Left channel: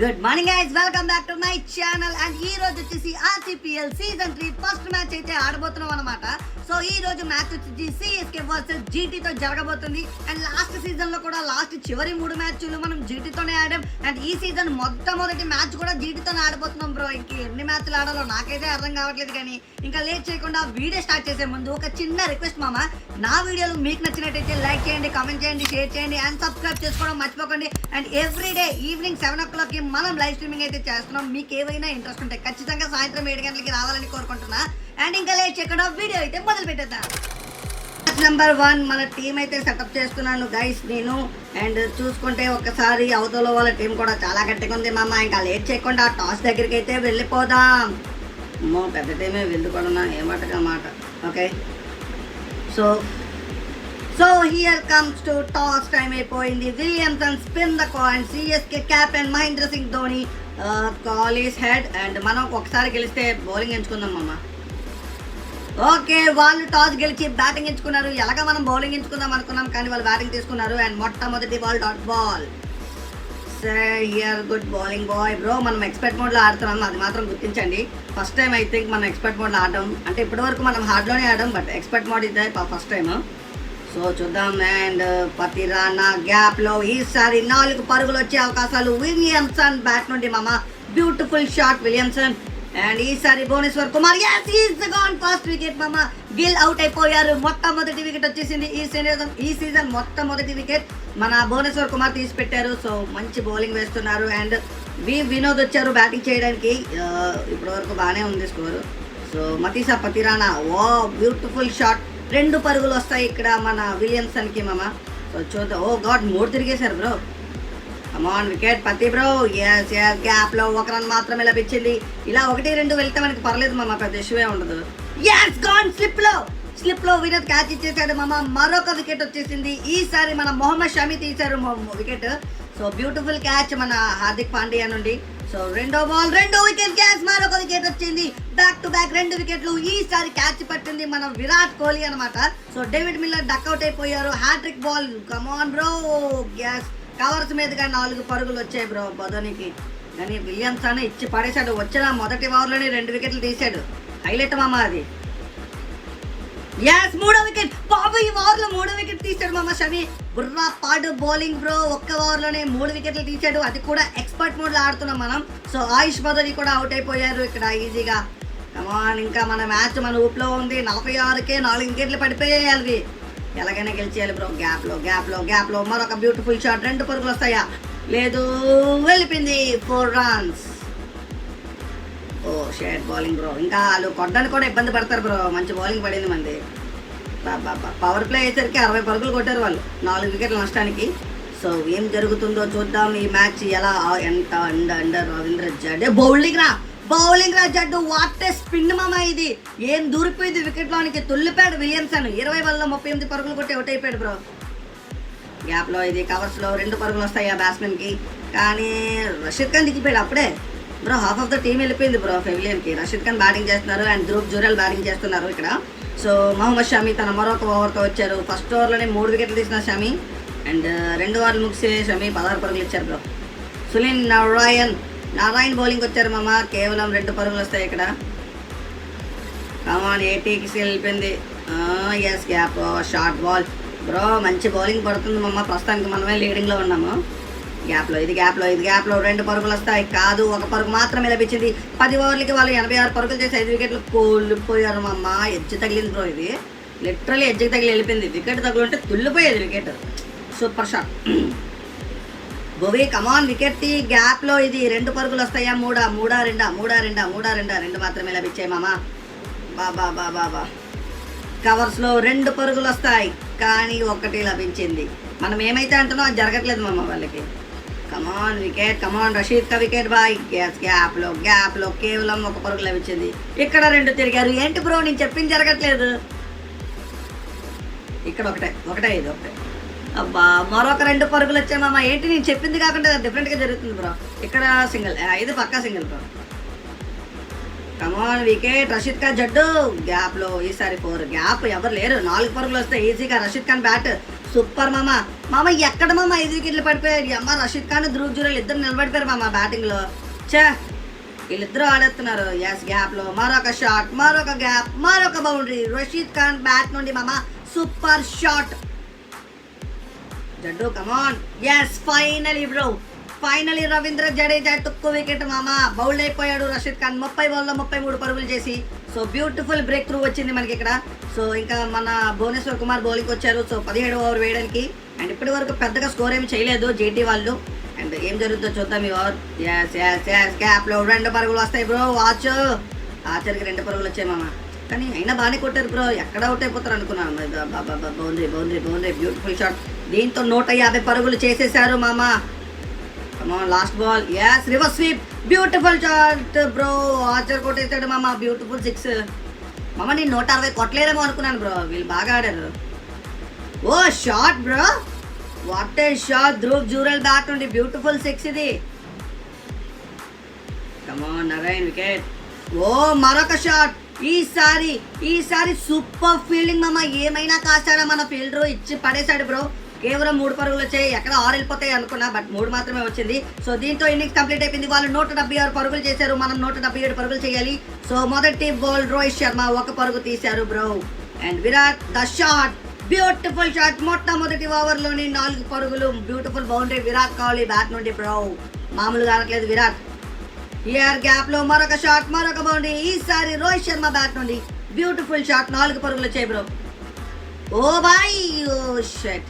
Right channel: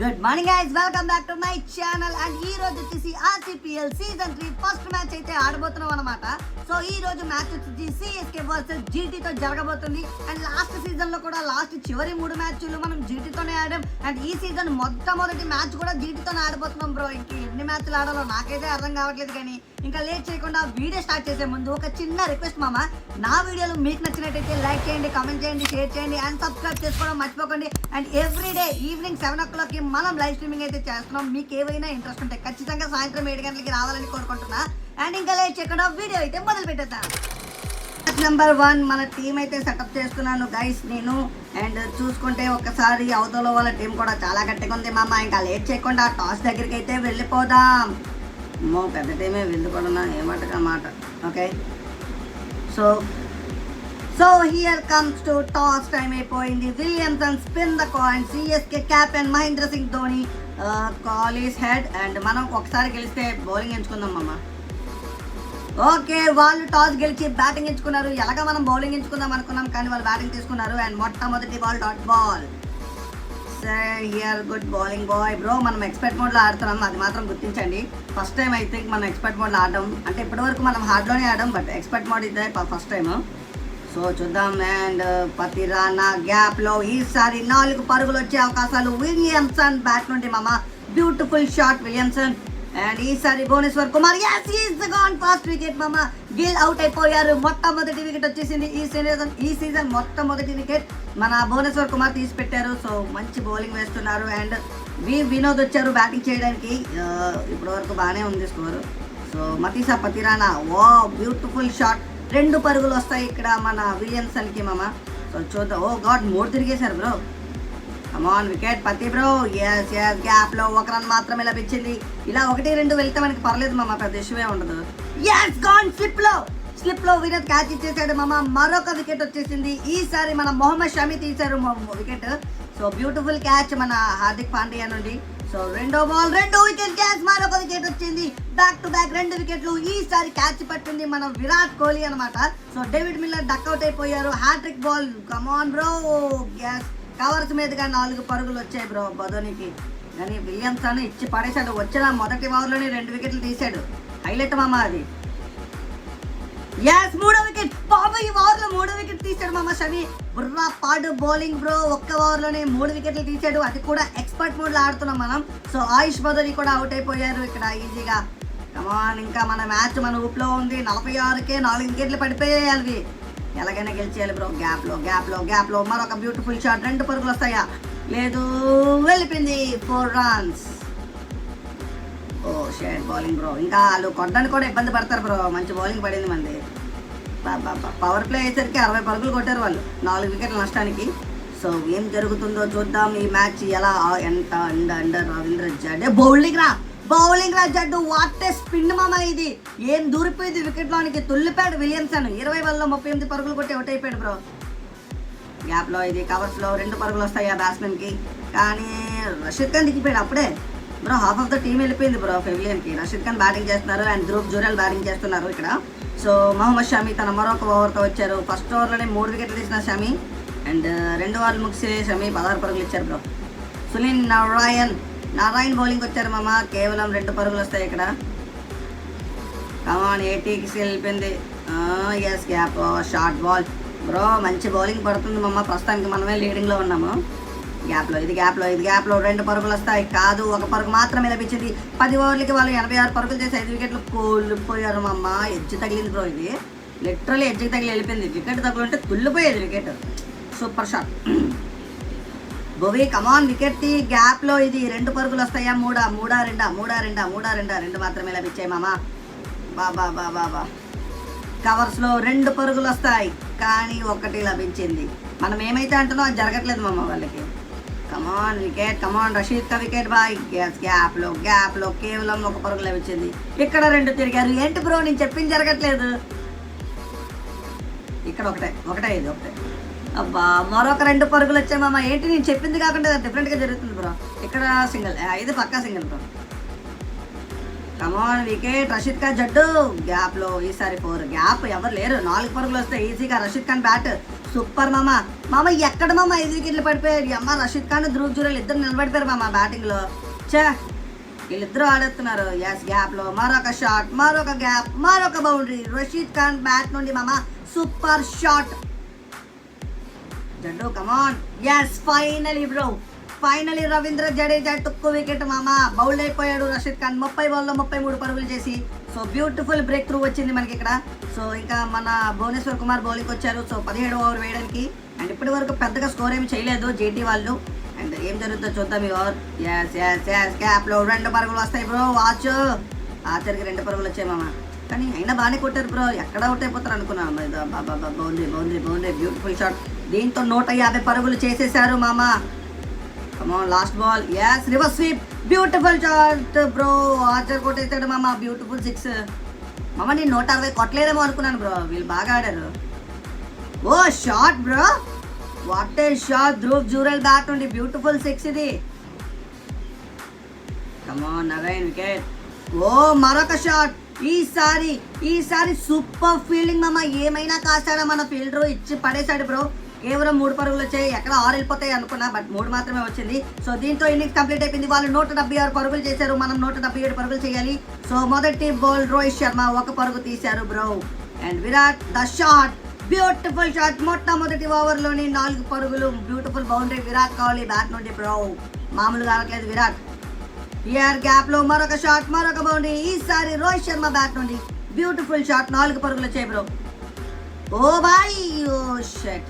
Good morning guys, welcome back to my channel. And ఈ రోజు వచ్చేసి ఆర్సీపీఎల్ సీజన్ 3 ఫస్ట్ మ్యాచ్ అయితే ఆడబోతున్నాం అనమాట. సో ఈ రోజు మ్యాచ్ వచ్చేసి సిఎస్కే వర్సెస్ జీటీతో జరగబోతుంది. అండ్ లాస్ట్ సీజన్ లో కూడా చివరి 3 మ్యాచ్లు మనం జీటీతోనే ఆడాం. అండ్ ఈ సీజన్ మొట్టమొదటి మ్యాచ్ కూడా జీటీతోనే ఆడబోతున్నాం బ్రో. ఇంక ఎన్ని మ్యాచ్లు ఆడాలో నాకైతే అర్థం కావట్లేదు. కానీ ఇంకా లేట్ చేయకుండా వీడియో స్టార్ట్ చేసే ముందు ఒక చిన్న రిక్వెస్ట్ మామ, నా వీడియోలు మీకు నచ్చినట్టయితే లైక్ చేయండి, కామెంట్ చేయండి, షేర్ చేయండి అండ్ సబ్స్క్రైబ్ చేసుకోవడం మర్చిపోకండి. And every day evening 7 o'clock మనం లైవ్ స్ట్రీమింగ్ అయితే చేస్తున్నాం. మీకు ఏవైనా ఇంట్రెస్ట్ ఉంటే ఖచ్చితంగా సాయంత్రం 7 గంటలకి రావాలని కోరుకుంటున్నా. అండ్ ఇంకా లేట్ చేయకుండా వీడియో అయితే మొదలు పెట్టేద్దాం. నెంబర్ 1 మన టీం అయితే సెటప్ చేస్తున్నాను గైస్ నేను. అండ్ చూసుకుంటే ఒకసారి అవతల వాళ్ళ టీం కూడా చాలా గట్టిగా ఉంది మామ. ఇంకా లేట్ చేయకుండా టాస్ దగ్గరికి అయితే వెళ్ళిపోదాం. అమ్మో పెద్ద టీమే వెళ్ళిపోతున్నా, ఏమాటగా మాట. Okay, so here comes to toss time అయిపోయింది. Williamson spin the coin. CSK captain Mahendra Singh Dhoni call is head. And మనం ఒకసారి గెలిస్తే బౌలింగ్ ఎంచుకుందాం అమ్మ. ఓకే, వాళ్ళు టాస్ గెలిచి బ్యాటింగ్ ఎంచుకున్నారు. ఎలాగా మనం బౌలింగ్ ఎంచుకుందాం అనుకున్నాం కానీ వాళ్ళు బ్యాటింగ్ తీసుకున్నారు. అండ్ మొట్టమొదటి ball dot ball. Here good bowling boy bro. మనం ఎక్స్పర్ట్ మోడ్లో ఆడుతున్నాం, అది మాత్రం గుర్తించండి. ఫస్ట్ టైం ఐ థింక్ మనం ఎక్స్పర్ట్ మోడ్లో ఆడడం. అంటే ఇప్పటి వరకు మనం హార్డ్లోనే ఆడడం, బట్ ఎక్స్పర్ట్ మోడ్ ఇదే ఫస్ట్ టైం. సో చూద్దాం. అండ్ పతిరానా గ్యాప్ లో ఈసారి 4 పరుగులు వచ్చే అవకాశాలు. విలియమ్సన్ బ్యాట్ నుండి మామ, బ్యూటిఫుల్ షాట్ విలియమ్సన్. అండ్ ఈసారి భువనేశ్వర్ కుమార్, ఫస్ట్ వికెట్ మామ. గిల్ అవుట్ అయిపోయారు. మొట్టమొదటి వికెట్ వచ్చేసింది ఈ సీజన్ మొట్టమొదటి వికెట్ మన భువనేశ్వర్ కుమార్ తీసి పెట్టారు. సో మంచి బౌలింగ్ వేస్తున్నారు. అండ్ వినోద్ వచ్చారు బ్యాటింగ్ చేయడానికి. ఇప్పటి వరకు బాగానే ఉంది స్కోరు. సో మతీసా పతిరానా, ఓ బ్యూటిఫుల్ షాట్. 2 పరుగులు వస్తాయి ఇక్కడ మన విలియమ్సన్ కి మామ. సో చూద్దాం. ఓ గాడ్, 3 తిరిగేశారు బ్రో. కమాన్ వికెట్ పతి బ్రో. ఎస్ గ్యాప్ లో 1 రన్ మాత్రమే లభించింది. ఇలా 1-2 వెళ్తే మనకి పర్లేదు మామ, పెద్ద ఇష్యూ ఉండదు. ఎస్ గాన్ స్లిప్ లో వినోద్ క్యాచ్ ఇచ్చేసాడు మామ. మరొక వికెట్ వచ్చేసింది. ఈసారి మన మొహమ్మద్ షమి తీశారు వికెట్. సో బ్యూటిఫుల్ క్యాచ్ మన హార్దిక్ పాండ్యా నుండి. సో రెండో వికెట్ క్యాచ్, మరొక వికెట్ వచ్చింది. బ్యాక్ టు బ్యాక్ 2 వికెట్లు. ఈసారి క్యాచ్ పట్టింది మన విరాట్ కోహ్లీ అనమాట. సో డేవిడ్ మిల్లర్ డక్అవుట్ అయిపోయారు. Hattrick ball. Come on bro. గ్యాస్ కవర్స్ మీదుగా 4 పరుగులు వచ్చాయి బ్రో ధోనికి. కానీ విలియమ్సన్ ఇచ్చి పడేశాడు. వచ్చిన మొదటి ఓవర్లోనే 2 వికెట్లు తీశాడు. హైలైట్ మామ అది. ఎస్, 3వ వికెట్. బాబు ఈ ఓవర్లో 3వ వికెట్ తీశాడు మామ షమి. బుర్రా పాడు బౌలింగ్ బ్రో. ఒక్క ఓవర్లోనే 3 వికెట్లు తీశాడు. అది కూడా ఎక్స్పర్ట్ మోడ్ లో ఆడుతున్నాం మనం. సో ఆయుష్ బదరి కూడా అవుట్ అయిపోయారు ఇక్కడ ఈజీగా. కమాన్, ఇంకా మన మ్యాచ్ మన ఊపులో ఉంది. 46కే 4 వికెట్లు పడిపోయాయి అవి. ఎలాగైనా గెలిచేయాలి బ్రో. గ్యాప్ లో మరొక బ్యూటిఫుల్ షాట్. 2 పరుగులు వస్తాయా? లేదు, వెళ్ళిపోయింది. 4 runs. ఓ షేడ్ బౌలింగ్ బ్రో. ఇంకా వాళ్ళు కొట్టడానికి కూడా ఇబ్బంది పడతారు బ్రో. మంచి బౌలింగ్ పడింది మంది. పవర్ ప్లే అయ్యేసరికి 60 పరుగులు కొట్టారు వాళ్ళు 4 వికెట్ల నష్టానికి. సో ఏం జరుగుతుందో చూద్దాం. ఈ మ్యాచ్ ఎలా ఎంత అండర్ రవీంద్ర జడే బౌలింగ్ రా జడ్డు. వాట్ ఏ స్పిన్ మామ ఇది. ఏం దూరిపోయింది వికెట్ లోనికి. తుల్లిపాడు విలియమ్సన్. 20 balls 38 పరుగులు కొట్టి అవుట్ అయిపోయాడు బ్రో. గ్యాప్ లో ఇది కవర్స్ లో 2 పరుగులు వస్తాయి ఆ బ్యాట్స్మెన్ కి. కానీ రషీద్ ఖాన్ దిగిపోయాడు అప్పుడే bro. Half of the team వెళ్ళిపోయింది బ్రో పెవిలియన్ కి. రషీద్ ఖాన్ బ్యాటింగ్ చేస్తున్నారు అండ్ ధ్రువ్ జురెల్ బ్యాటింగ్ చేస్తున్నారు ఇక్కడ. సో మొహమ్మద్ షమి తన మరొక ఓవర్తో వచ్చారు. ఫస్ట్ ఓవర్లోనే 3 వికెట్లు తీసిన షమి. అండ్ 2 ఓవర్లు ముగిసి షమి 16 పరుగులు ఇచ్చారు బ్రో. సునీల్ నారాయణ్ బౌలింగ్ వచ్చారు మామ. కేవలం 2 పరుగులు వస్తాయి ఇక్కడ. కమాన్ 80కి వెళ్ళిపోయింది. Yes gap short ball bro. మంచి బౌలింగ్ పడుతుంది మామ. ప్రస్తుతానికి మనమే లీడింగ్ లో ఉన్నాము. గ్యాప్ లో 2 పరుగులు వస్తాయి. కాదు, 1 పరుగు మాత్రమే లభించింది. 10 ఓవర్లకి వాళ్ళు 86 పరుగులు చేసి 5 వికెట్లు కోల్పోయారు మామ. ఎడ్జ్ తగిలింది బ్రో. ఇది లిటరల్లీ ఎడ్జ్కి తగిలి వెళ్ళిపోయింది. వికెట్ తగులుంటే తుల్లిపోయేది wicket. Super shot. Bhuvi come on wicket ది. గ్యాప్ లో ఇది 2 పరుగులు వస్తాయా? 2 మాత్రమే లభించాయి మామ. బాబా కవర్స్ లో 2 పరుగులు వస్తాయి కానీ 1 లభించింది. మనం ఏమైతే అంటున్నాం అది జరగట్లేదు మామ వాళ్ళకి. కమాన్ వికెట్. కమాన్ రషీద్ కా వికెట్ బాయ్. గ్యాప్ లో కేవలం 1 పరుగు లభించింది. ఇక్కడ 2 తిరిగారు. ఏంటి బ్రో నేను చెప్పింది జరగట్లేదు. ఇక్కడ ఒకటే ఇది. అబ్బా మరొక 2 పరుగులు వచ్చాయి మామ. ఏంటి నేను చెప్పింది కాకుండా డిఫరెంట్ గా జరుగుతుంది బ్రో. ఇక్కడ సింగిల్, ఇది పక్కా సింగిల్ బ్రో. కమాన్ వికెట్ రషీద్ ఖాన్ జడ్డు గ్యాప్ లో ఈసారి 4 గ్యాప్ ఎవరు లేరు 4 పరుగులు వస్తాయి ఈజీగా రషీద్ ఖాన్ బ్యాట్ సూపర్ మామ ఎక్కడ 5 వికెట్లు పడిపోయాడు అమ్మ రషీద్ ఖాన్ ధ్రువ్ జురేల్ ఇద్దరు నిలబడిపోయారు బ్యాటింగ్ లో చా వీళ్ళిద్దరూ ఆడేస్తున్నారు ఎస్ గ్యాప్ లో మరొక షాట్ మరొక గ్యాప్ మరొక బౌండరీ రషీద్ ఖాన్ బ్యాట్ నుండి super shot Jaddu come on yes finally Ravindra Jadeja టుక్కు వికెట్ బౌల్డ్ అయిపోయాడు రషీద్ ఖాన్ 30 బాల్లో 33 పరుగులు చేసి సో బ్యూటిఫుల్ బ్రేక్ త్రూ వచ్చింది మనకి ఇక్కడ సో ఇంకా మన భువనేశ్వర్ కుమార్ బౌలింగ్ వచ్చారు సో 17 ఓవర్ వేయడానికి అండ్ ఇప్పటి వరకు పెద్దగా స్కోర్ ఏమి చేయలేదు జీటీ వాళ్ళు అండ్ ఏం జరుగుతుందో చూద్దాం ఈ ఓవర్ ఎస్ గ్యాప్ లో 2 పరుగులు వస్తాయి బ్రో వాచ్ ఆచరికి 2 పరుగులు వచ్చాయి కానీ అయినా బాగానే కొట్టారు బ్రో ఎక్కడ అవుట్ అయిపోతారు అనుకున్నాను బౌండరీ బ్యూటిఫుల్ షాట్ దీంతో 150 పరుగులు చేసేసారు last ball yes reverse sweep beautiful shot bro Archer కొట్టేసాడు బ్యూటిఫుల్ 6 నేను 160 కొట్టలేదేమో అనుకున్నాను బ్రో వీళ్ళు బాగా ఆడారు ఓ shot bro what a shot Dhruv Jurel bat నుండి బ్యూటిఫుల్ 6 ఇది కమాన్ అగైన్ వికెట్ ఓ మరొక షాట్ ఈసారి సూపర్ ఫీల్డింగ్ ఏమైనా కాస్తాడా మన ఫీల్డర్ ఇచ్చి పడేశాడు బ్రో కేవలం 3 పరుగులు వచ్చాయి ఎక్కడ 6 వెళ్ళిపోతాయి అనుకున్నా బట్ 3 మాత్రమే వచ్చింది సో దీంతో ఇన్నింగ్స్ కంప్లీట్ అయిపోయింది వాళ్ళు 176 పరుగులు చేశారు మనం 177 పరుగులు చేయాలి సో మొదటి బాల్ రోహిత్ శర్మ 1 పరుగు తీశారు bro and Virat the shot beautiful shot మొట్టమొదటి ఓవర్ లోని 4 పరుగులు beautiful boundary Virat Kohli bat నుండి బ్రో మామూలుగా ఆడట్లేదు విరాట్ హియర్ గ్యాప్ లో మరొక షాట్ మరొక బౌండరీ ఈసారి రోహిత్ శర్మ బ్యాట్ నుండి బ్యూటిఫుల్ షాట్ 4 పరుగులు వచ్చాయి బ్రో ఓ బాయ్ ఓ షట్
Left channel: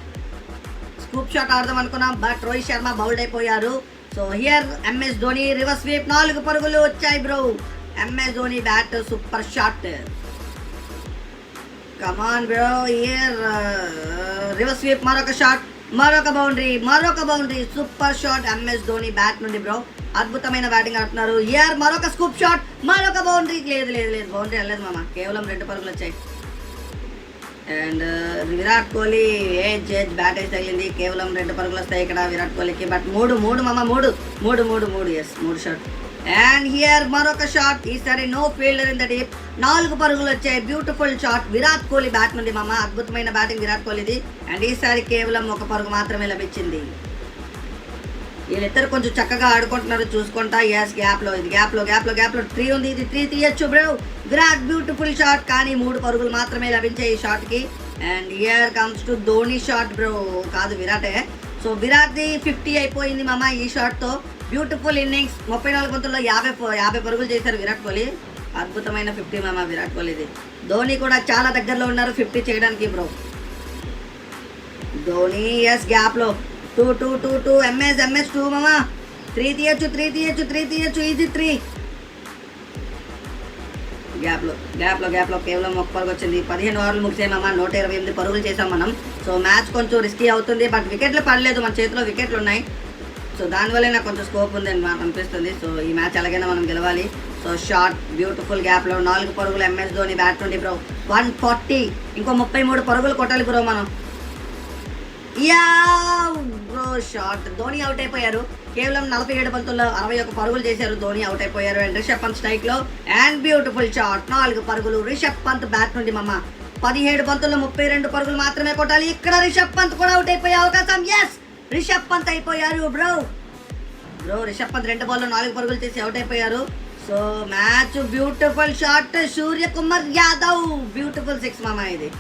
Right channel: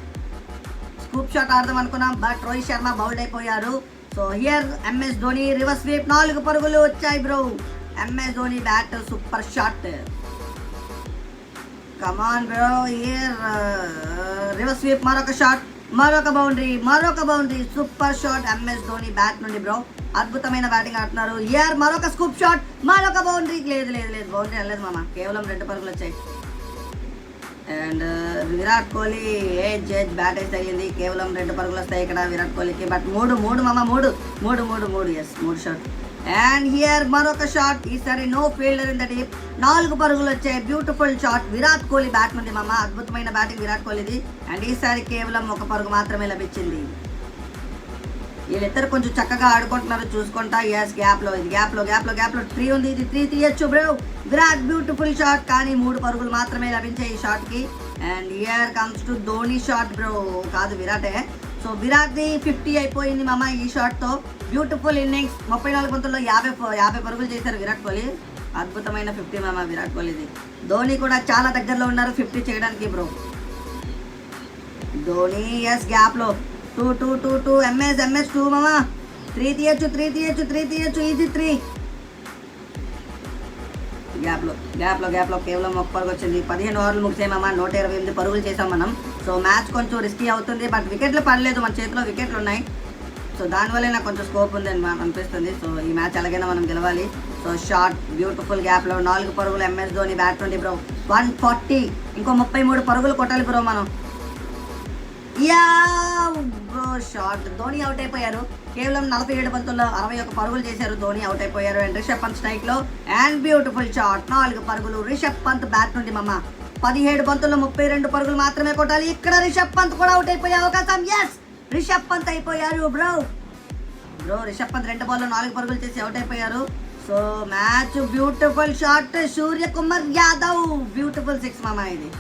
స్కూప్ షాట్ ఆడదాం అనుకున్నాం బట్ రోహిత్ శర్మ బౌల్డ్ అయిపోయారు so here MS Dhoni reverse sweep 4 పరుగులు వచ్చాయి bro MS Dhoni bat super shot come on bro here reverse sweep మరొక షాట్ మరొక boundary super shot MS Dhoni bat నుండి బ్రో అద్భుతమైన బ్యాటింగ్ ఆడుతున్నారు హియర్ మరొక స్కూప్ షాట్ మరొక బౌండరీ లేదు బౌండరీ వెళ్ళలేదు కేవలం 2 పరుగులు వచ్చాయి అండ్ విరాట్ కోహ్లీ జడ్జ్ బ్యాట్ అయితే తగిలింది కేవలం 2 పరుగులు వస్తాయి ఇక్కడ విరాట్ కోహ్లీకి బట్ 3 షాట్ అండ్ హియర్ మరొక షాట్ ఈసారి no fielder in the deep 4 పరుగులు వచ్చాయి beautiful shot Virat Kohli bat నుండి అద్భుతమైన బ్యాటింగ్ విరాట్ కోహ్లీది అండ్ ఈసారి కేవలం 1 పరుగు మాత్రమే లభించింది వీళ్ళిద్దరు కొంచెం చక్కగా ఆడుకుంటున్నారు చూసుకుంటా ఎస్ గ్యాప్ లో 3 ఉంది ఇది 3 తీయచ్చు బ్రో విరాట్ బ్యూటిఫుల్ షాట్ కానీ 3 పరుగులు మాత్రమే లభించాయి ఈ షాట్ కి and here comes to Dhoni shot bro కాదు విరాటే సో విరాట్ ది 50 అయిపోయింది ఈ షాట్ తో బ్యూటిఫుల్ ఇన్నింగ్స్ 34 బంతుల్లో 50 పరుగులు చేశారు విరాట్ కోహ్లీ అద్భుతమైన 50 విరాట్ కోహ్లీది ధోని కూడా చాలా దగ్గరలో ఉన్నారు 50 చేయడానికి బ్రో ధోని ఎస్ గ్యాప్ లో 2 ఎంఎస్ 2 3 తీయచ్చు ఇది 3 గ్యాప్ లో కేవలం 1 పరుగు వచ్చింది 15 ఓవర్లు ముగిసాయి 128 పరుగులు చేసాం మనం సో మ్యాచ్ కొంచెం రిస్కీ అవుతుంది బట్ వికెట్లు పడలేదు మన చేతిలో వికెట్లు ఉన్నాయి సో దానివల్ల నాకు కొంచెం స్కోప్ ఉంది అని అనిపిస్తుంది సో ఈ మ్యాచ్ ఎలాగైనా మనం గెలవాలి సో షార్ట్ బ్యూటిఫుల్ గ్యాప్ లో 4 పరుగులు ఎంఎస్ ధోని బ్యాట్ నుండి బ్రో 140 ఇంకో 33 పరుగులు కొట్టాలి బ్రో మనం బ్రో షాట్ ధోని అవుట్ అయిపోయారు కేవలం 47 బంతుల్లో 61 పరుగులు చేశారు ధోని అవుట్ అయిపోయారు అండ్ రిషబ్ పంత్ స్ట్రైక్ లో అండ్ బ్యూటిఫుల్ షాట్ 4 పరుగులు రిషబ్ పంత్ బ్యాట్ నుండి 17 బంతుల్లో 32 పరుగులు మాత్రమే కొట్టాలి ఇక్కడ రిషబ్ పంత్ కూడా అవుట్ అయిపోయే అవకాశం ఎస్ రిషబ్ పంత్ అయిపోయారు బ్రో రిషబ్ పంత్ 2 బాల్లో 4 పరుగులు చేసి అవుట్ అయిపోయారు so match beautiful shot Suryakumar Yadav beautiful 6 ఇది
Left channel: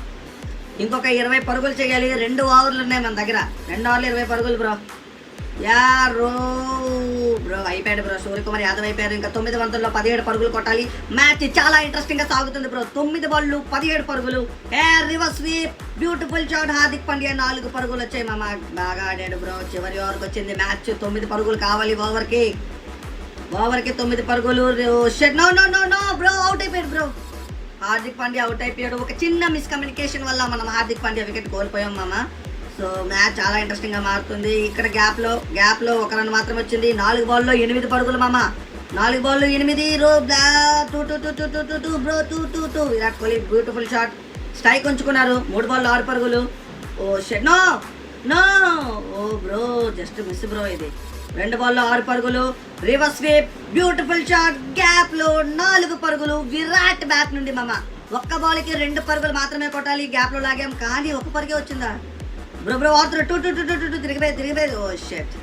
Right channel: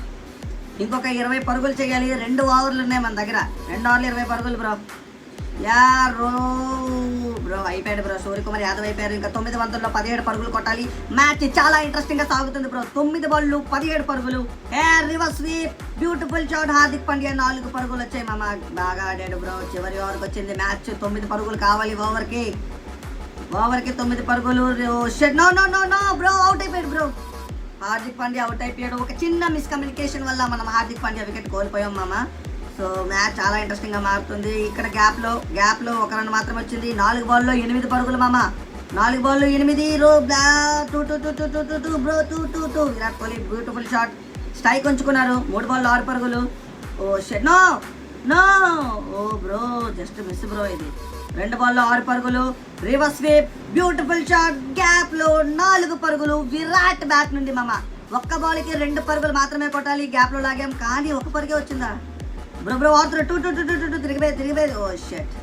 ఇంకొక 20 పరుగులు చేయాలి 2 ఓవర్లు ఉన్నాయి మన దగ్గర 2 ఓవర్లు 20 పరుగులు బ్రో బ్రో అయిపోయాడు బ్రో సూర్యకుమార్ యాదవ్ అయిపోయారు ఇంకా 9 బంతుల్లో 17 పరుగులు కొట్టాలి మ్యాచ్ చాలా ఇంట్రెస్టింగ్ గా సాగుతుంది బ్రో 9 బాళ్ళు 17 పరుగులు reverse sweep beautiful shot Hardik Pandya 4 పరుగులు వచ్చాయి బాగా ఆడాడు బ్రో చివరి ఓవర్కి వచ్చింది మ్యాచ్ 9 పరుగులు కావాలి ఓవర్కి 9 పరుగులు నో బ్రో అవుట్ అయిపోయాడు బ్రో హార్దిక్ పాండ్యా అవుట్ అయిపోయాడు ఒక చిన్న మిస్కమ్యూనికేషన్ వల్ల మనం హార్దిక్ పాండ్యా వికెట్ కోల్పోయాం సో మ్యాచ్ చాలా ఇంట్రెస్టింగ్ గా మారుతుంది ఇక్కడ గ్యాప్ లో 1 రన్ మాత్రం వచ్చింది 4 బాల్లో 8 పరుగులు 4 బాల్లో 8 2 Virat Kohli beautiful shot strike ఉంచుకున్నారు 3 బాల్లో 6 పరుగులు oh shit no oh bro just miss bro ఇది 2 బాల్లో 6 పరుగులు. Reverse sweep, beautiful shot, gap లో 4 పరుగులు విరాట్ బ్యాట్ నుండి మామ. ఒక్క బాల్కి 2 పరుగులు మాత్రమే కొట్టాలి, గ్యాప్ లో లాగాం కానీ 1 పరుగే వచ్చిందా బ్రో ఆడుతున్న టూ తిరిగిపోయి ఓ షట్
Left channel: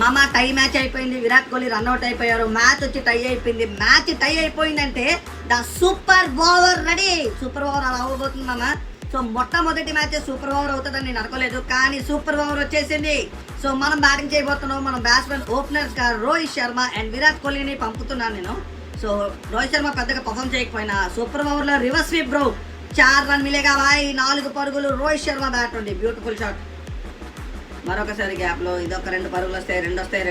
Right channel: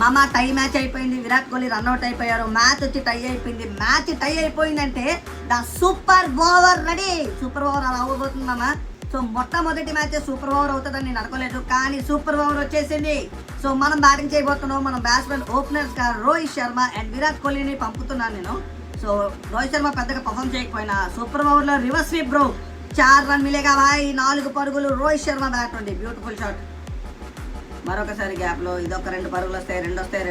మామ. టై మ్యాచ్ అయిపోయింది, విరాట్ కోహ్లీ రన్అట్ అయిపోయారు, మ్యాచ్ వచ్చి టై అయిపోయింది. మ్యాచ్ టై అయిపోయిందంటే the super over ready. Super over అలా అవ్వబోతుంది మామ. సో మొట్టమొదటి మ్యాచ్ సూపర్ ఓవర్ అవుతుందని నేను అనుకోలేదు, కానీ సూపర్ ఓవర్ వచ్చేసింది. సో మనం బ్యాటింగ్ చేయబోతున్నాం. మనం బ్యాట్స్మెన్ ఓపెనర్స్ గా రోహిత్ శర్మ అండ్ విరాట్ కోహ్లీని పంపుతున్నాను నేను. సో రోహిత్ శర్మ పెద్దగా పర్ఫామ్ చేయకపోయినా సూపర్ ఓవర్ లో రివర్స్ స్వీప్ బ్రో, 4 రన్ మిలేగా భాయ్, 4 పరుగులు. రోహిత్ శర్మ బ్యాట్ నుండి బ్యూటిఫుల్ షాట్. మరొకసారి గ్యాప్ లో ఇదొక 2 పరుగులు వస్తాయి, 2 వస్తాయి.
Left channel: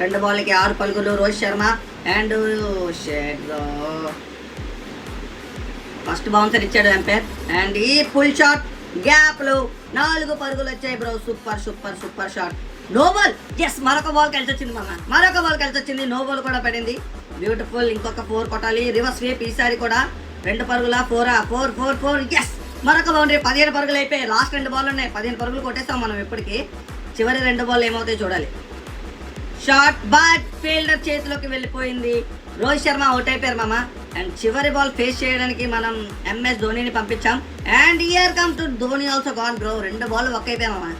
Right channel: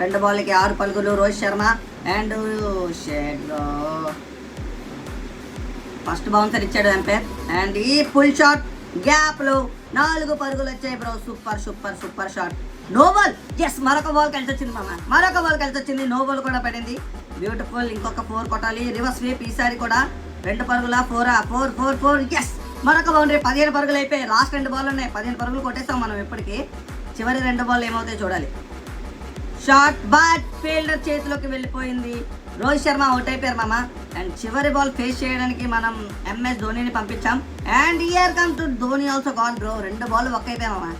2 బాల్కి 6 పరుగులు Rohit Sharma and first bouncer ఇచ్చాడు ఎంపైర్. అండ్ ఈ ఫుల్ షాట్ గ్యాప్ లో 4 పరుగులు వచ్చాయి బ్రో. Super shot. No ball. Yes, మరొక బాల్ కలిసి వచ్చింది మామ, నో బాల్ కూడా పడింది. బ్యూటిఫుల్. ఇంకొక 4 కొట్టాలి. రివర్స్ స్వీప్, ఈసారి కూడా 2 పరుగుల 4. ఎస్, మరొక బౌండరీ. 15 పరుగులు అయిపోయి లాస్ట్ 2 బాల్ ఉన్నాయి. 15 పరుగులు కొట్టేస్తాం మనం ఎప్పటికీ. చివరి 2 బాల్ ఏమవుతాయి చూడాలి. షాట్ బట్ ఫీల్డర్ చేతిలోకి వెళ్ళిపోయింది. రోహిత్ శర్మ అవుట్ అయిపోయారు మామ. అండ్ చివరి బాల్ ఫేస్ చేయడానికి మనం ఎంఎస్ ధోనిని పంపించాం. And here come to Dhoni also gone bro. 2 ball ఒక్క అయిపోయాం మామ.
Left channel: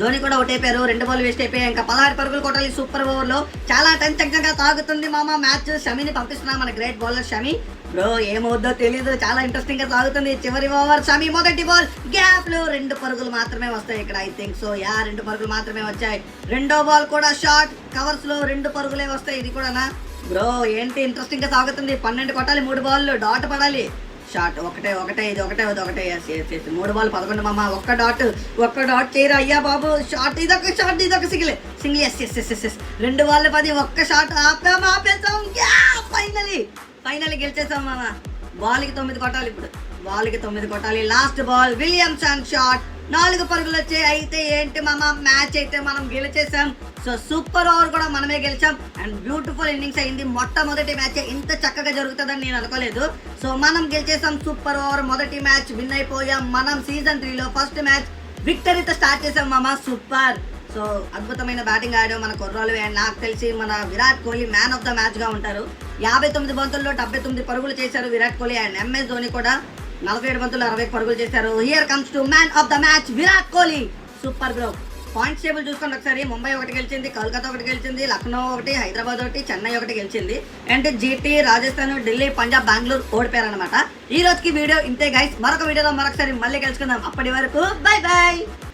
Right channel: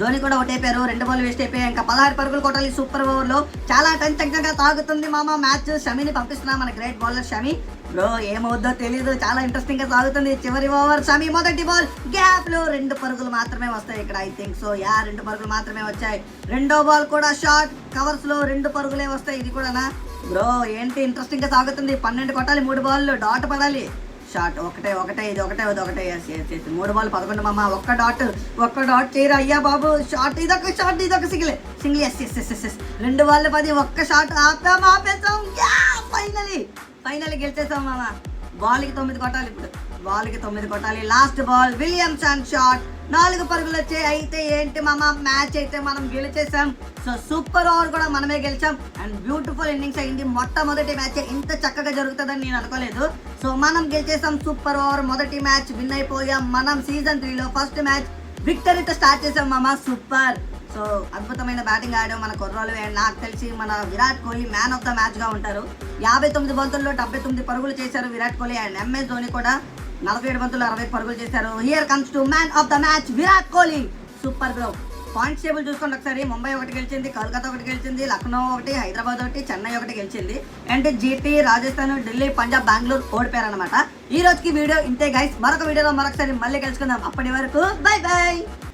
ధోని కూడా అవుట్ అయిపోయారు, 2 బాల్ వేస్ట్ అయిపోయాయి. ఇంకా 16 పరుగులు కొట్టాలి సూపర్ ఓవర్ లో. చాలా టెన్షన్గా తాగుతుంది మామ మ్యాచ్. షమిని పంపిస్తున్నాం, మన గ్రేట్ బౌలర్ షమి బ్రో. ఏమవుద్దో తెలీదు, చాలా ఇంట్రెస్టింగ్ గా సాగుతుంది. చివరి ఓవర్ షమి మొదటి బాల్ గ్యాప్ లో 2 పరుగులు మాత్రమే వస్తాయి ఇక్కడ. ఐ థింక్ సో 2 పరుగులు మాత్రమే వచ్చాయి. రెండో బాల్ కూడా షార్ట్ కవర్స్ లో 2 పరుగులే వస్తాయి. ఇది కూడా బ్రో ఏంటి ఇంట్రెస్టింగ్ గా సాగుతుంది. 12 కొట్టాలి, 3 బాల్ డాట్ పడాలి. షాట్ ఒకటే ఇది ఒకటే 3 బాల్ 11 మామ. ఒక్క డాట్ చేయరా అయ్యా బాబు. షాట్ ఇదొక సింగిల్. ఎస్ 2 బాల్ 10, ఒక్క షాట్ ఆపేసాం. ఫైనలీ గెలిచేసాం మామ. బాల్కి 9 కొట్టాలి ఇప్పుడు. బాల్కి 9 కొట్టాలి. లాస్ట్ బాల్ విలియమ్సన్ షాట్, 4 పరుగులు వచ్చాయి. అయితే ఏంటి మామ, మ్యాచ్ అయితే మనం గెలిచేసాం. సో సూపర్ ఓవర్ కూడా మనమే గెలిచాం. అండ్ బ్యూటిఫుల్ ఇన్నింగ్స్ అయింది. మొట్టమొదటి మ్యాచ్ ఇంత చక్కగా జరుగుతుందని నేను అనుకోలేదు. సో మనం గెలిచేసాం. సూపర్ ఓవర్ మొదటి మ్యాచ్ విన్ అయిపోయాం. మనం సీజన్ 3లో ఫస్ట్ మ్యాచ్ విక్టరీతో స్టార్ట్ చేసాం మామ. సూపర్. సో అద్భుతమైన బ్యాటింగ్ ఆడాం మన కుర్రాలు. నాకు తెలిసి మన Virat Kohli man of the match గా ఉంటారు. 59 బంతుల్లో 79 పరుగులు చేశారు విరాట్ కోహ్లీ. అండ్ ఎంఎస్ ధోని కూడా 47 బంతుల్లో 60 పరుగులు చేశారు. Here comes to man of the match Virat Kohli. Super bro. Points table చూసుకోండి ఒకసారి. ముంబై 1 గెలిచింది, కోల్కతా 1 గెలిచింది, లక్నో 1, హైదరాబాద్ 1, చెన్నై 1 గెలిచింది. అండ్ జీటీ, రాజస్థాన్, ఢిల్లీ, పంజాబ్, బెంగళూరు ఓడిపోయారు అనమాట. ఈ రోజుకి వీడియో ఇంతే గైస్. మరొక వీడియోలో మరొకసారి మళ్ళీ కలుసుకుందాం. అప్పటి వరకు బై.